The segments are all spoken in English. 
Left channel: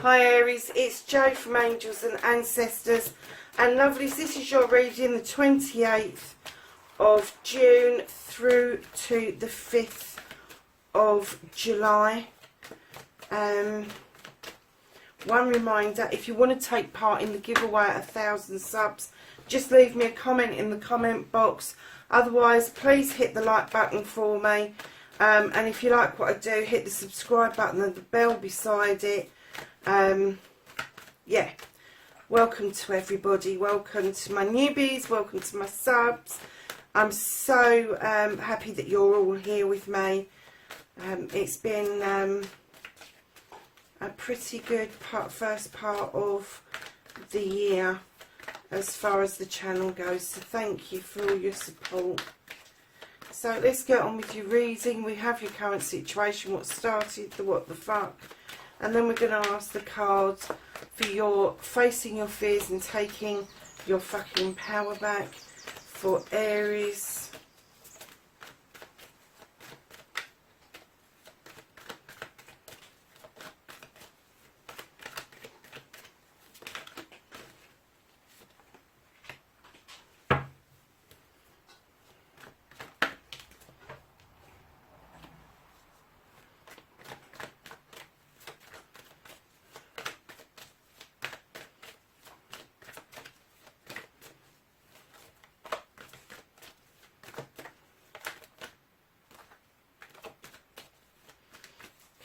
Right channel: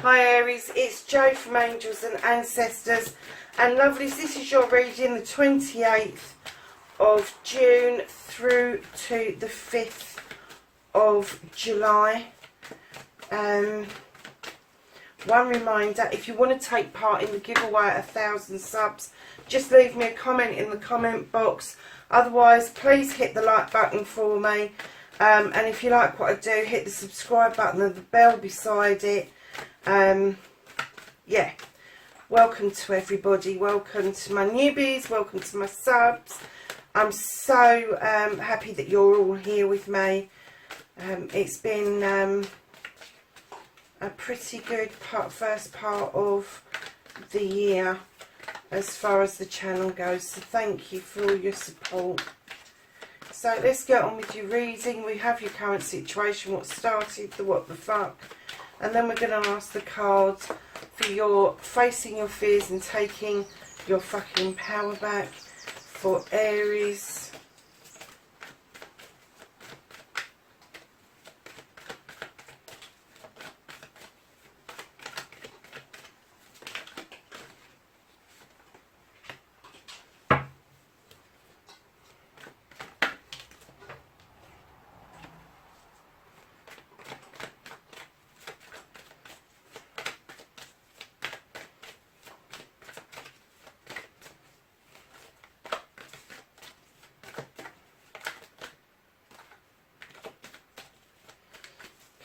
Hi Aries, it's Jo from Angels and Ancestors, and lovelies, this is your reading the 28th of June through to the 5th of July. One reminder, if you want to take part in the giveaway at 1,000 subs, just leave me a comment in the comment box. Otherwise, please hit the like button for me, and if you like what I do, hit the subscribe button and the bell beside it. Yeah, welcome to everybody, welcome to my newbies, welcome to my subs. I'm so happy that you're all here with me. It's been a pretty good first part of the year as far as the channel goes, so thank you for all your support. So let's get on with your reading. We have your current situation, what started, the what the fuck, and then we're going to ask the cards for your facing your fears and taking your fucking power back for Aries.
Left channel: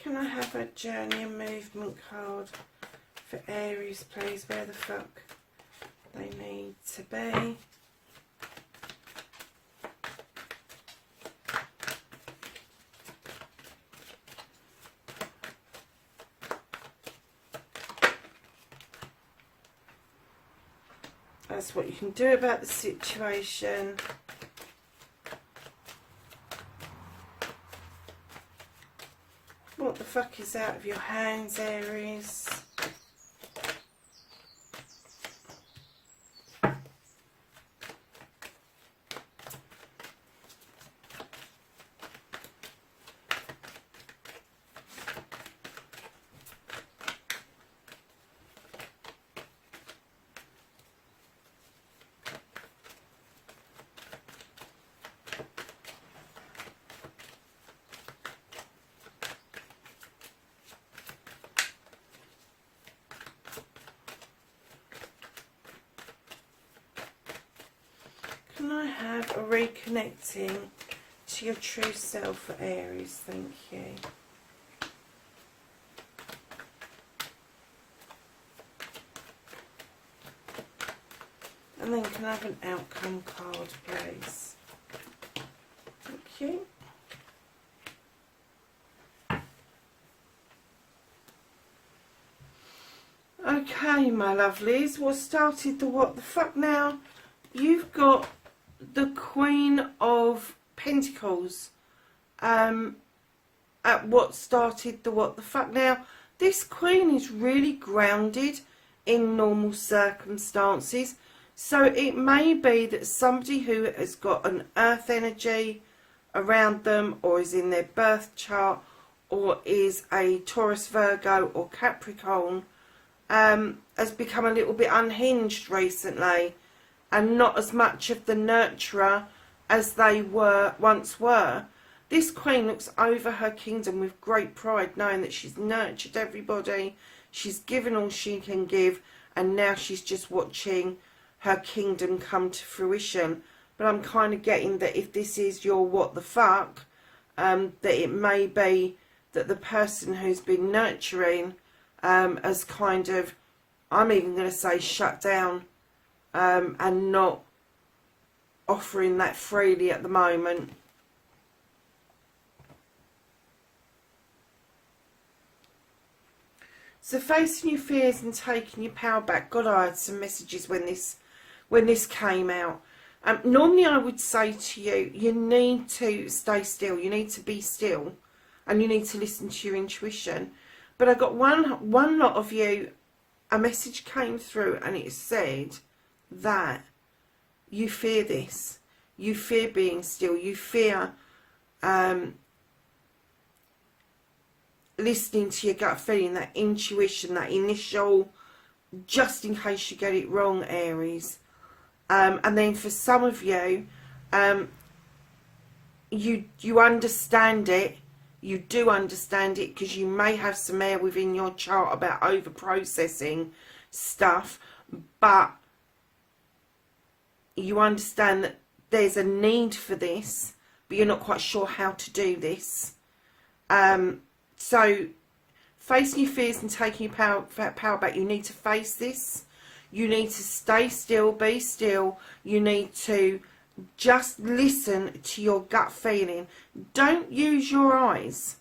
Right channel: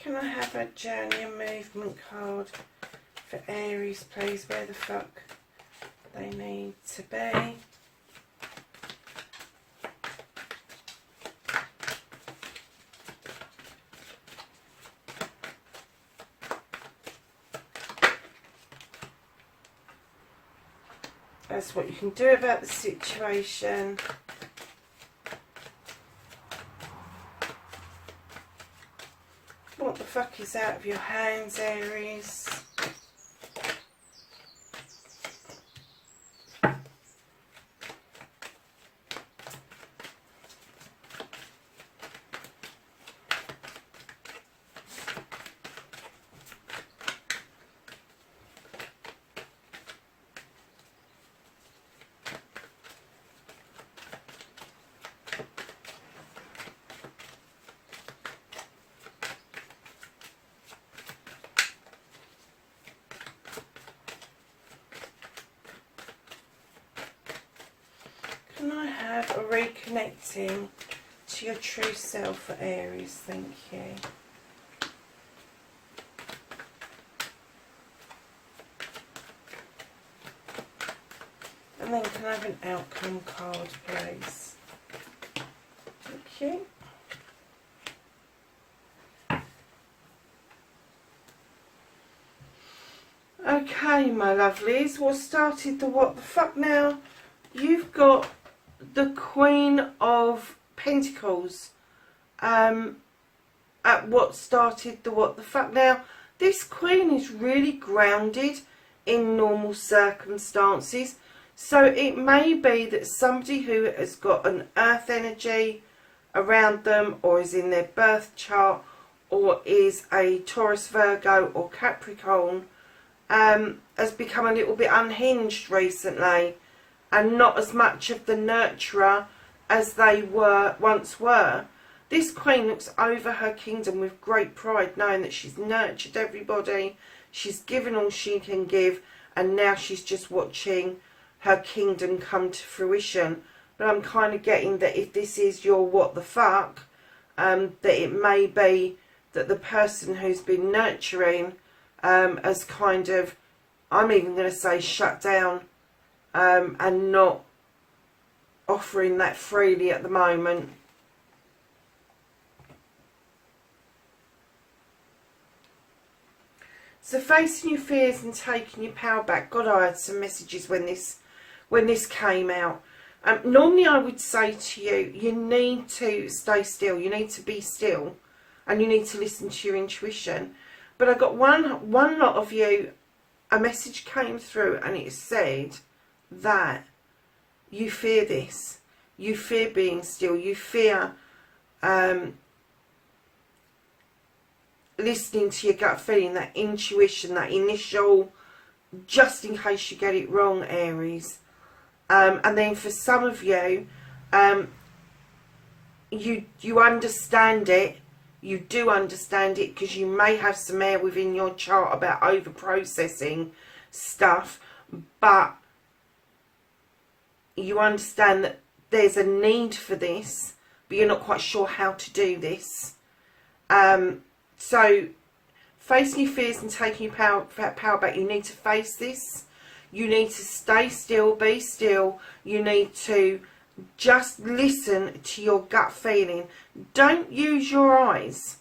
Can I have a journey and movement card for Aries, please? Where the fuck they need to be. That's what you can do about the situation. What the fuck is out of your hands, Aries? Can I have a reconnecting to your true self for Aries? Thank you. And then can I have an outcome card, please? Thank you. Okay, my lovelies, what started the what the fuck now? You've got the Queen of Pentacles at what started the what the fuck. Now, this Queen is really grounded in normal circumstances. So it may be that somebody who has got an earth energy around them, or is in their birth chart, or is a Taurus, Virgo or Capricorn, has become a little bit unhinged recently and not as much of the nurturer as they once were. This Queen looks over her kingdom with great pride, knowing that she's nurtured everybody, she's given all she can give, and now she's just watching her kingdom come to fruition. But I'm kind of getting that if this is your what the fuck, that it may be that the person who's been nurturing has kind of, I'm even going to say, shut down and not offering that freely at the moment. So facing your fears and taking your power back. God, I had some messages when this came out. Normally I would say to you, you need to stay still, you need to be still, and you need to listen to your intuition. But I got one lot of you, a message came through and it said that you fear this. You fear being still. You fear listening to your gut feeling, that intuition, that initial, just in case you get it wrong, Aries. And then for some of you, you understand it. You do understand it because you may have some air within your chart about over processing stuff, but you understand that there's a need for this, but you're not quite sure how to do this. So facing your fears and taking your power back, you need to face this. You need to stay still, be still. You need to just listen to your gut feeling. Don't use your eyes.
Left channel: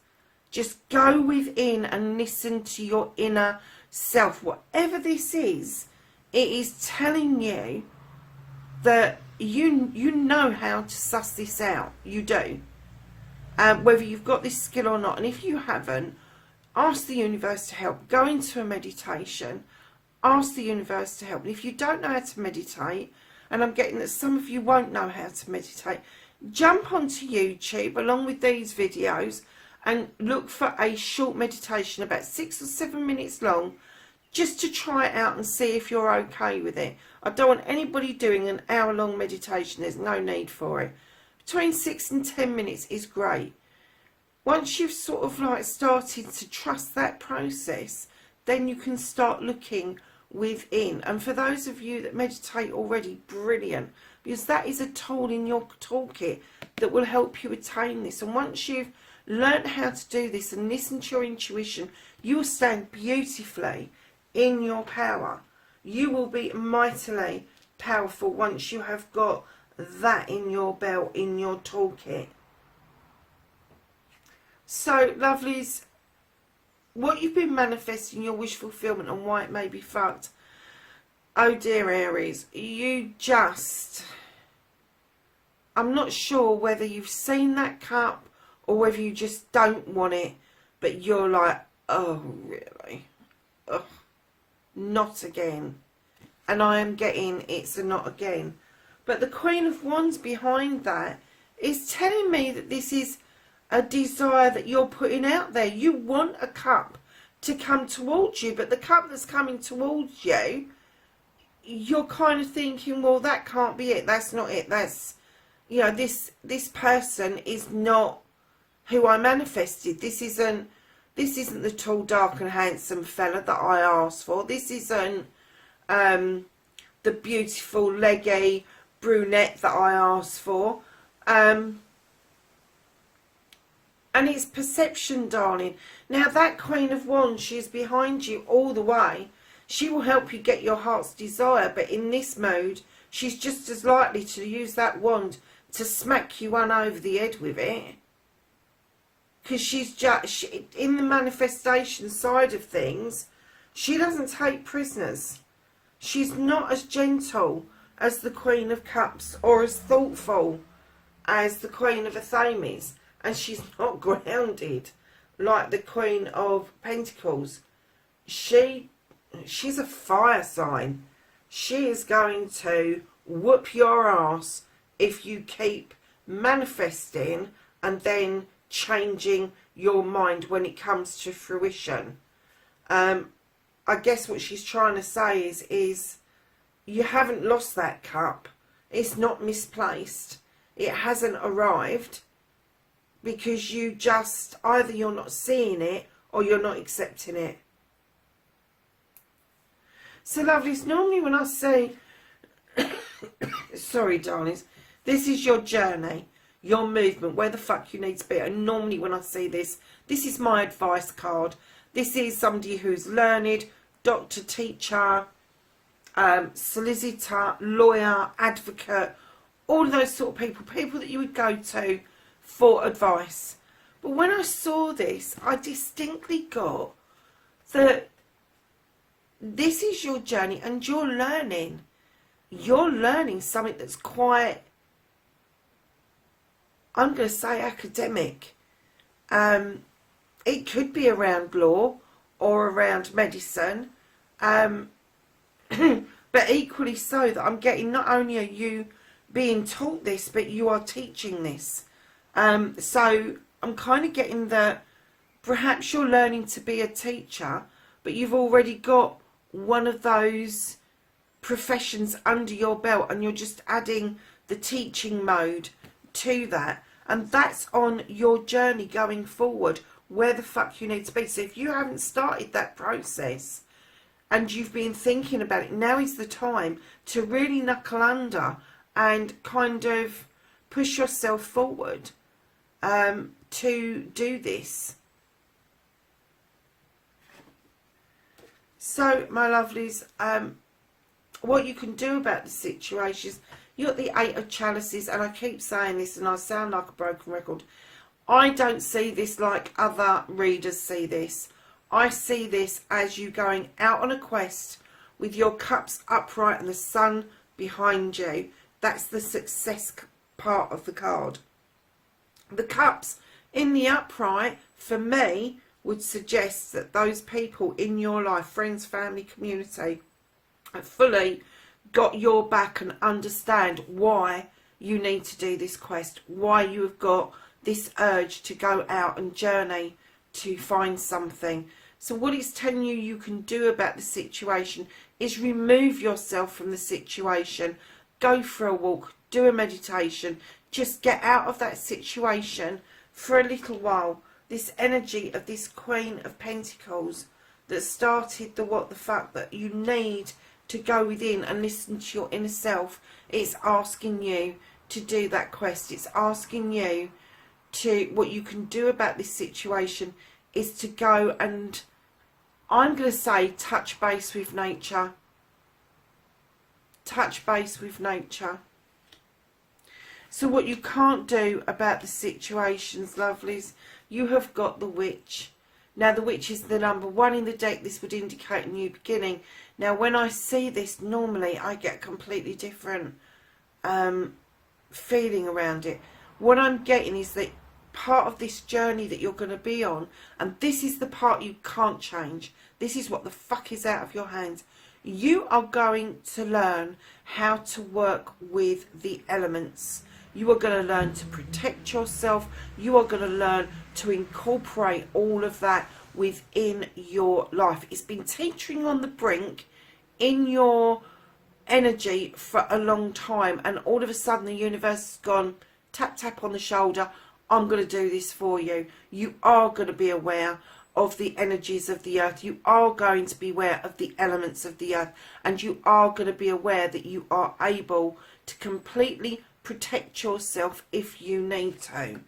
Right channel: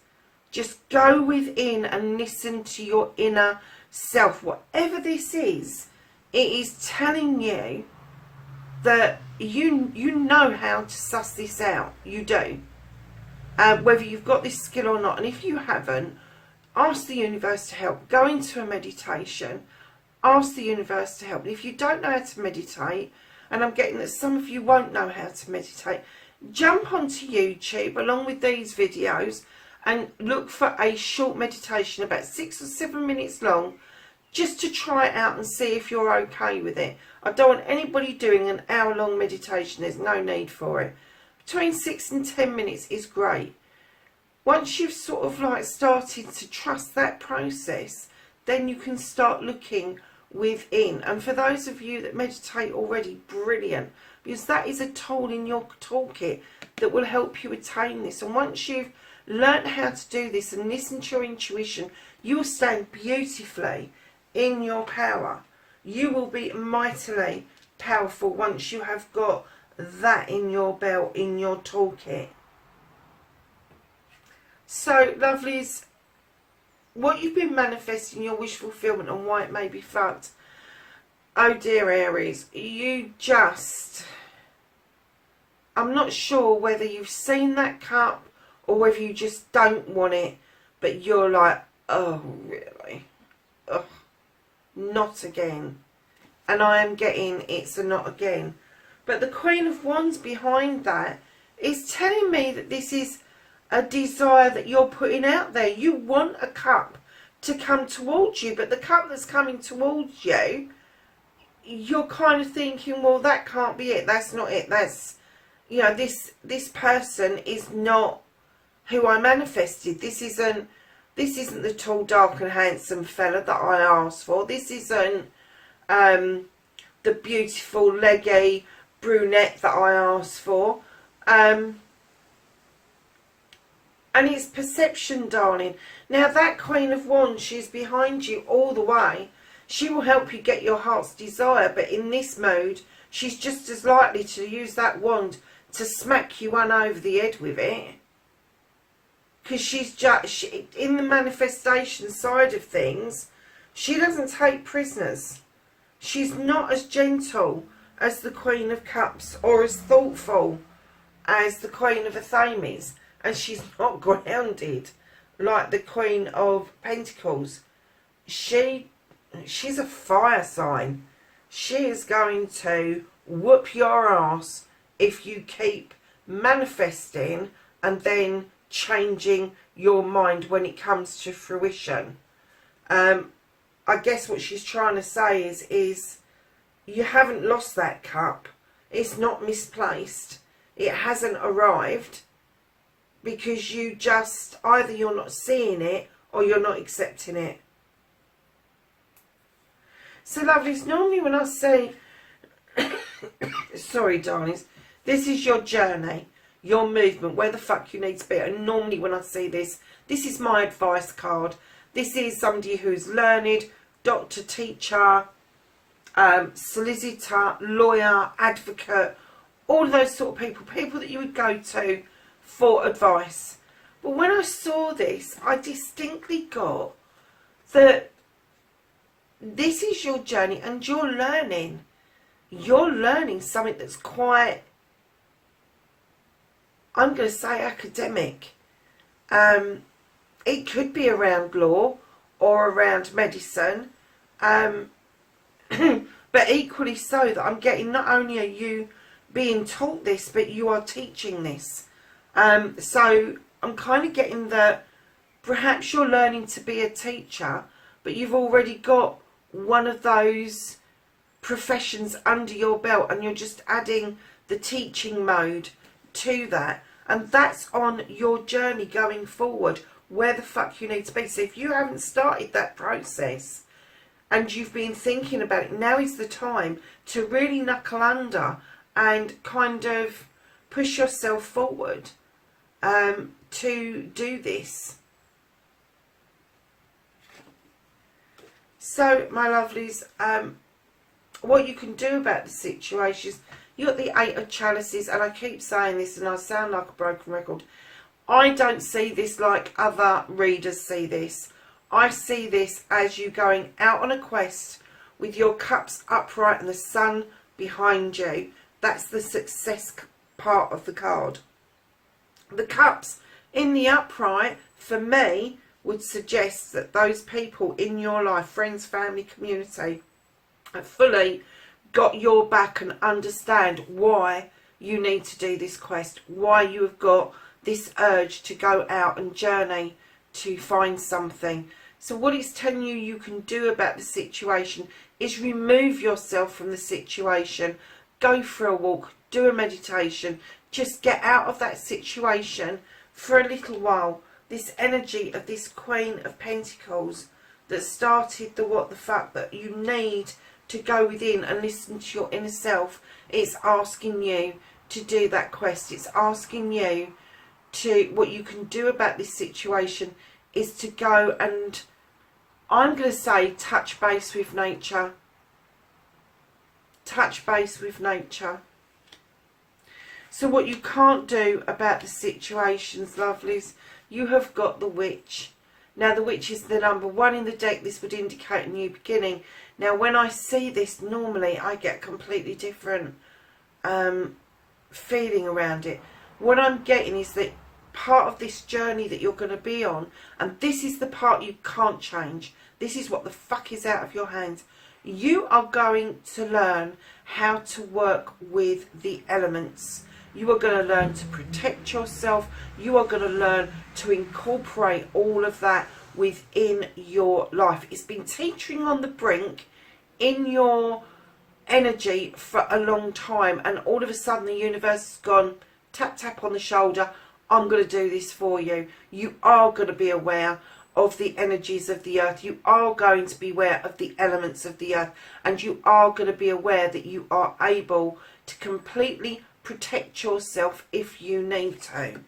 Just go within and listen to your inner self. Whatever this is, it is telling you that you know how to suss this out. You do. Whether you've got this skill or not. And if you haven't, ask the universe to help. Go into a meditation. Ask the universe to help. And if you don't know how to meditate, and I'm getting that some of you won't know how to meditate, jump onto YouTube along with these videos and look for a short meditation about 6 or 7 minutes long, just to try it out and see if you're okay with it. I don't want anybody doing an hour-long meditation. There's no need for it. Between 6 and 10 minutes is great. Once you've sort of like started to trust that process, then you can start looking within. And for those of you that meditate already, brilliant, because that is a tool in your toolkit that will help you attain this. And once you've learned how to do this and listen to your intuition, you will stand beautifully in your power. You will be mightily powerful once you have got that in your belt, in your toolkit. So, lovelies, what you've been manifesting, your wish fulfillment, and why it may be fucked. Oh dear, Aries, you just... I'm not sure whether you've seen that cup or whether you just don't want it, but you're like, oh, really? Ugh, not again. And I am getting it's a not again. But the Queen of Wands behind that is telling me that this is a desire that you're putting out there. You want a cup to come towards you, but the cup that's coming towards you, you're kind of thinking, well, that can't be it. That's not it. That's, you know, this person is not who I manifested. This isn't the tall, dark and handsome fella that I asked for. This isn't the beautiful, leggy brunette that I asked for. And it's perception, darling. Now, that Queen of Wands, she's behind you all the way. She will help you get your heart's desire. But in this mode, she's just as likely to use that wand to smack you one over the head with it. Because she's just, in the manifestation side of things, she doesn't take prisoners. She's not as gentle as the Queen of Cups or as thoughtful as the Queen of Athames. And she's not grounded like the Queen of Pentacles. She's a fire sign. She is going to whoop your ass if you keep manifesting and then changing your mind when it comes to fruition. I guess what she's trying to say is you haven't lost that cup. It's not misplaced. It hasn't arrived. Because you just, either you're not seeing it or you're not accepting it. So, lovelies, normally when I say, sorry, darlings, this is your journey, your movement, where the fuck you need to be. And normally when I see this, this is my advice card. This is somebody who's learned, doctor, teacher, solicitor, lawyer, advocate, all those sort of people that you would go to for advice. But when I saw this, I distinctly got that this is your journey and you're learning. You're learning something that's quite, I'm going to say, academic. It could be around law or around medicine. But equally so, that I'm getting, not only are you being taught this, but you are teaching this. So I'm kind of getting that Perhaps you're learning to be a teacher, but you've already got one of those professions under your belt and you're just adding the teaching mode to that. And that's on your journey going forward, where the fuck you need to be. So if you haven't started that process and you've been thinking about it, now is the time to really knuckle under and kind of push yourself forward to do this. So, my lovelies, what you can do about the situation is, you've got the Eight of Chalices, and I keep saying this and I sound like a broken record. I don't see this like other readers see this. I see this as you going out on a quest with your cups upright and the sun behind you. That's the success part of the card. The cups in the upright, for me, would suggest that those people in your life, friends, family, community, have fully got your back and understand why you need to do this quest, why you have got this urge to go out and journey to find something. So what it's telling you you can do about the situation is remove yourself from the situation, go for a walk, do a meditation, just get out of that situation for a little while. This energy of this Queen of Pentacles that started the what the fuck, that you need to go within and listen to your inner self. It's asking you to do that quest. It's asking you to, what you can do about this situation is to go and, I'm going to say, touch base with nature. Touch base with nature. So what you can't do about the situations, lovelies, you have got the Witch. Now the Witch is the number 1 in the deck. This would indicate a new beginning. Now when I see this, normally I get a completely different feeling around it. What I'm getting is that part of this journey that you're going to be on, and this is the part you can't change. This is what the fuck is out of your hands. You are going to learn how to work with the elements. You are going to learn to protect yourself. You are going to learn to incorporate all of that within your life. It's been teetering on the brink in your energy for a long time, and all of a sudden the universe has gone, tap tap on the shoulder, I'm going to do this for you. You are going to be aware of the energies of the earth. You are going to be aware of the elements of the earth, and you are going to be aware that you are able to completely protect yourself if you need to.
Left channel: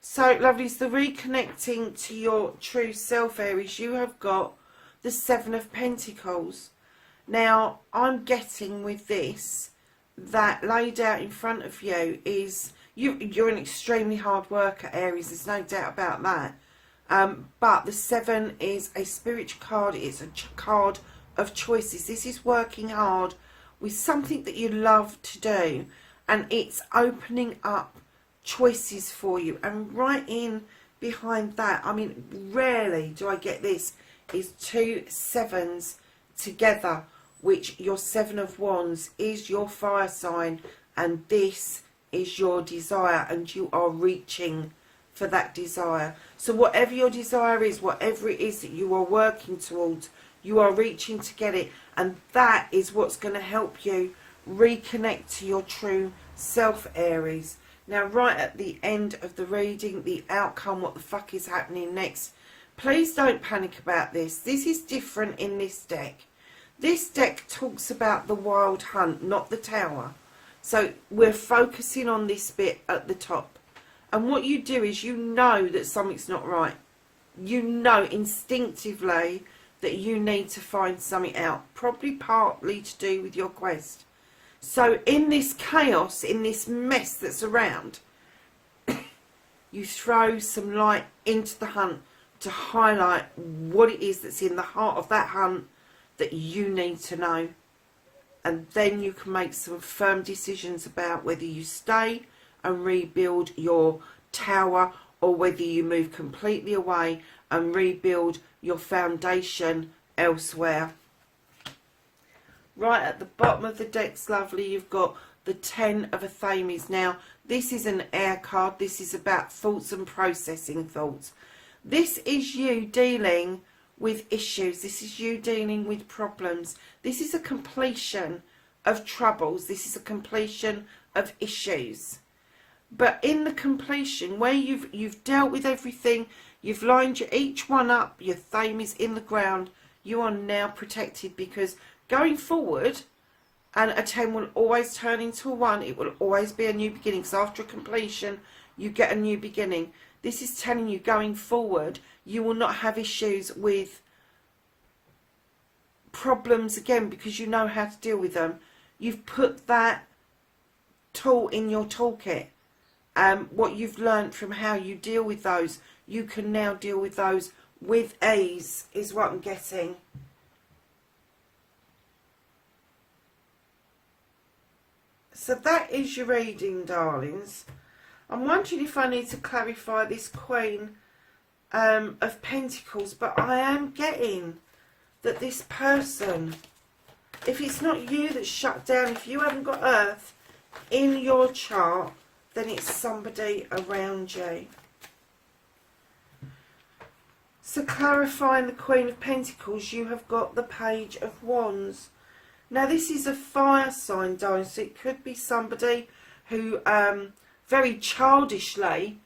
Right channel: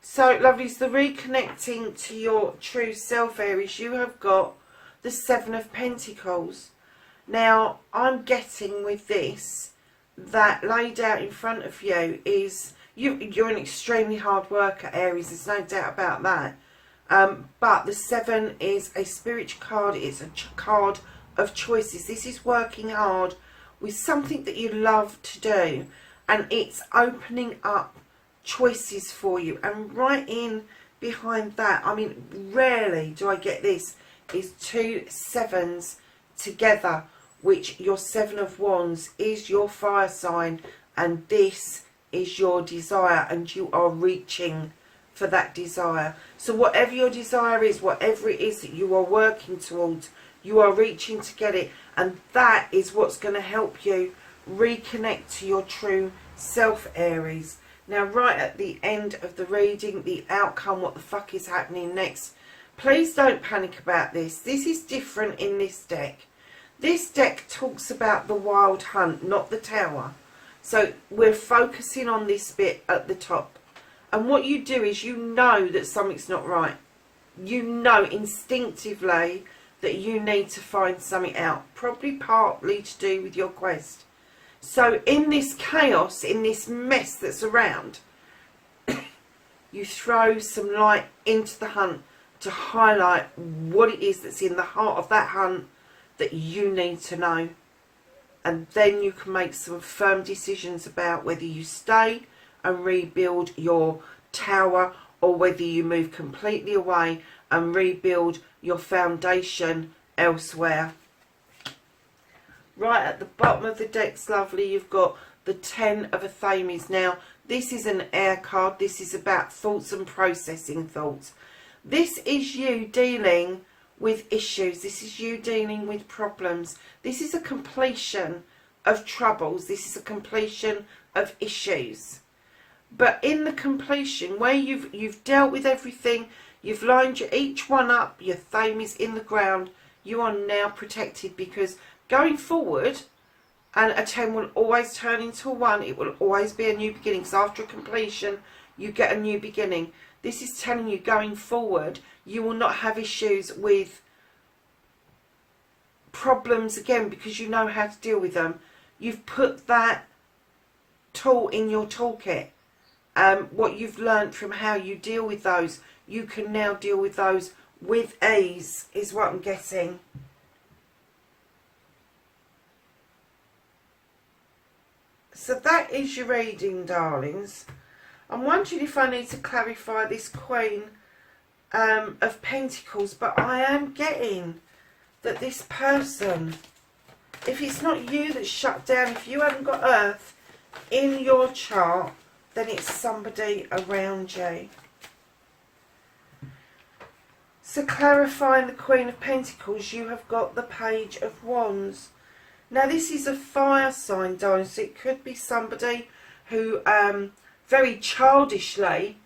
So, lovelies, the reconnecting to your true self, Aries, you have got the Seven of Pentacles. Now, I'm getting with this that laid out in front of you is, you're an extremely hard worker, Aries, there's no doubt about that. But the 7 is a spiritual card, it's a card of choices. This is working hard with something that you love to do, and it's opening up choices for you. And right in behind that, I mean, rarely do I get this, is 2 7s together, which your 7 of Wands is your fire sign, and this is your desire, and you are reaching for that desire. So whatever your desire is, whatever it is that you are working towards, you are reaching to get it, and that is what's going to help you reconnect to your true self, Aries. Now, right at the end of the reading, the outcome, what the fuck is happening next, please don't panic about this. This is different in this deck. This deck talks about the wild hunt, not the tower. So we're focusing on this bit at the top. And what you do is, you know that something's not right. You know instinctively that you need to find something out, probably partly to do with your quest. So in this chaos, in this mess that's around, you throw some light into the hunt to highlight what it is that's in the heart of that hunt that you need to know. And then you can make some firm decisions about whether you stay and rebuild your tower, or whether you move completely away and rebuild your foundation elsewhere. Right at the bottom of the deck's lovely, you've got the 10 of a Thames. Now, this is an air card. This is about thoughts and processing thoughts. This is you dealing with issues. This is you dealing with problems. This is a completion of troubles. This is a completion of issues. But in the completion, where you've dealt with everything, you've lined each one up, your theme is in the ground, you are now protected, because going forward, and a 10 will always turn into a 1. It will always be a new beginning. So after a completion, you get a new beginning. This is telling you, going forward, you will not have issues with problems again, because you know how to deal with them. You've put that tool in your toolkit. What you've learned from how you deal with those, you can now deal with those with ease, is what I'm getting. So that is your reading, darlings. I'm wondering if I need to clarify this Queen of Pentacles, but I am getting that this person, if it's not you that's shut down, if you haven't got Earth in your chart, then it's somebody around you. So clarifying the Queen of Pentacles, you have got the Page of Wands. Now this is a fire sign, darling, so it could be somebody who very childishly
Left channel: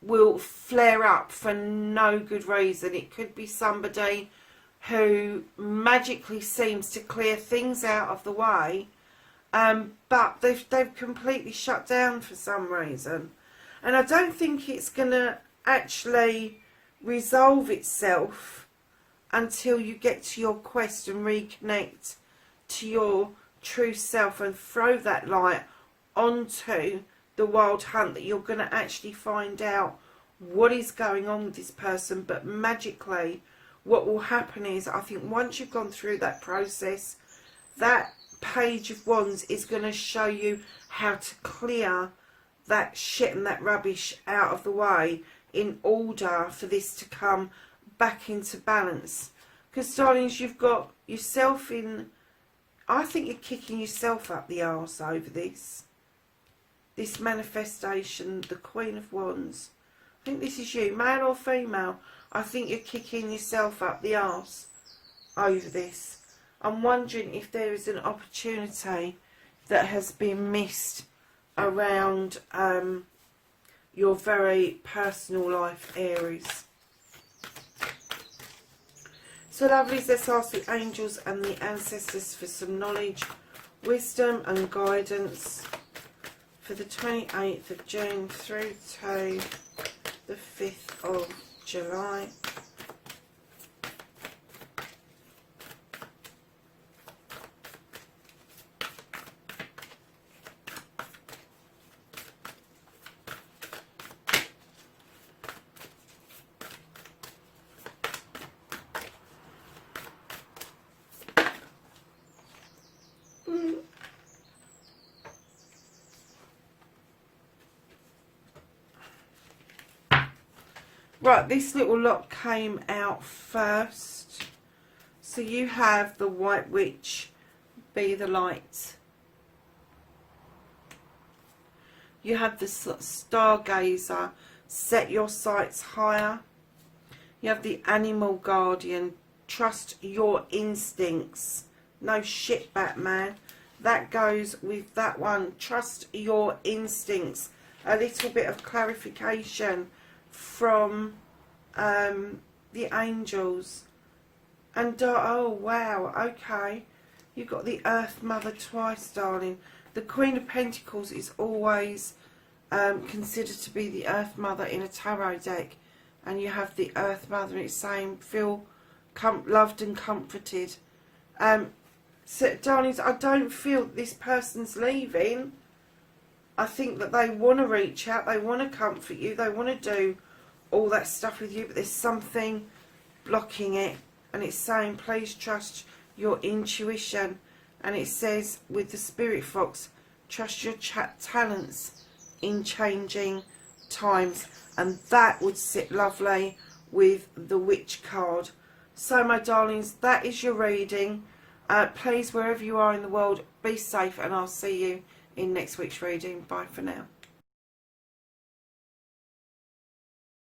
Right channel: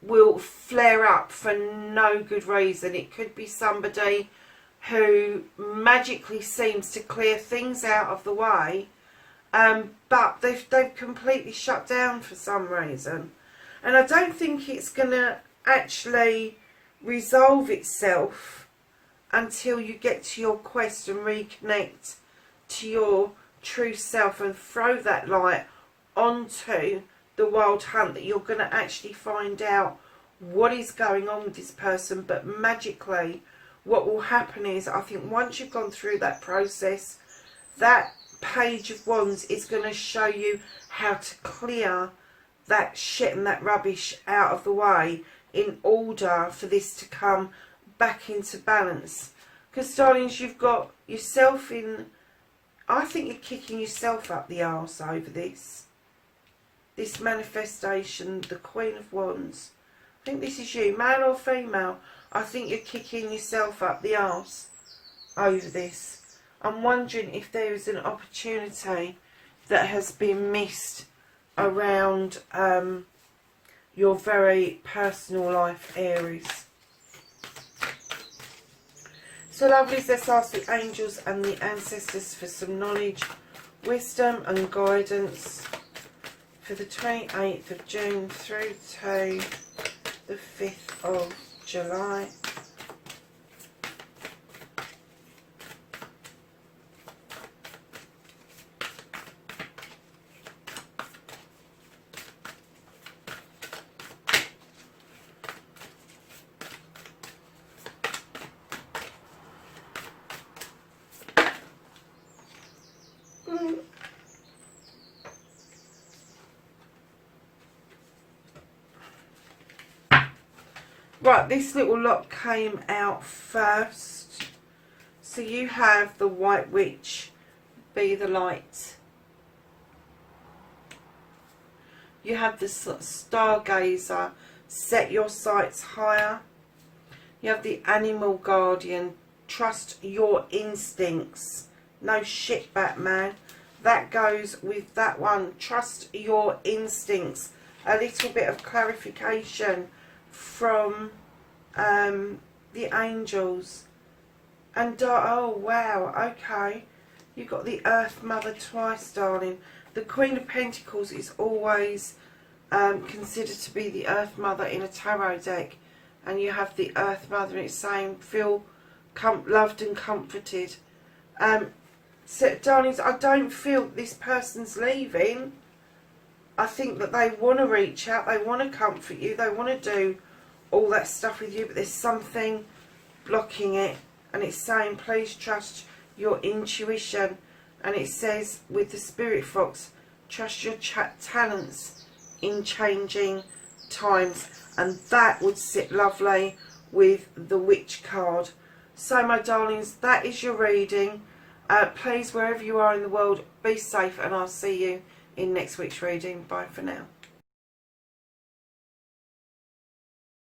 will flare up for no good reason. It could be somebody who magically seems to clear things out of the way, but they've completely shut down for some reason. And I don't think it's going to actually resolve itself until you get to your quest and reconnect to your true self and throw that light onto the wild hunt, that you're going to actually find out what is going on with this person. But magically, what will happen is, I think once you've gone through that process, that Page of Wands is going to show you how to clear that shit and that rubbish out of the way in order for this to come back into balance. Because, darlings, you've got yourself in, I think you're kicking yourself up the arse over this manifestation, the Queen of Wands. I think this is you, male or female. I think you're kicking yourself up the arse over this. I'm wondering if there is an opportunity that has been missed around your very personal life, Aries. So lovelies, let's ask the angels and the ancestors for some knowledge, wisdom and guidance for the 28th of June through to the 5th of July. Right, this little lot came out first. So you have the White Witch, be the light. You have the Stargazer, set your sights higher. You have the Animal Guardian, trust your instincts. No shit, Batman. That goes with that one, trust your instincts. A little bit of clarification from the angels. And oh wow, okay, you got the Earth Mother twice, darling. The Queen of Pentacles is always considered to be the Earth Mother in a tarot deck, and you have the Earth Mother, and it's saying feel loved and comforted. So darlings, I don't feel this person's leaving. I think that they want to reach out, they want to comfort you, they want to do all that stuff with you, but there's something blocking it. And it's saying please trust your intuition. And it says with the Spirit Fox, trust your talents in changing times. And that would sit lovely with the Witch card. So my darlings, that is your reading. Please, wherever you are in the world, be safe, and I'll see you in next week's reading. Bye for now.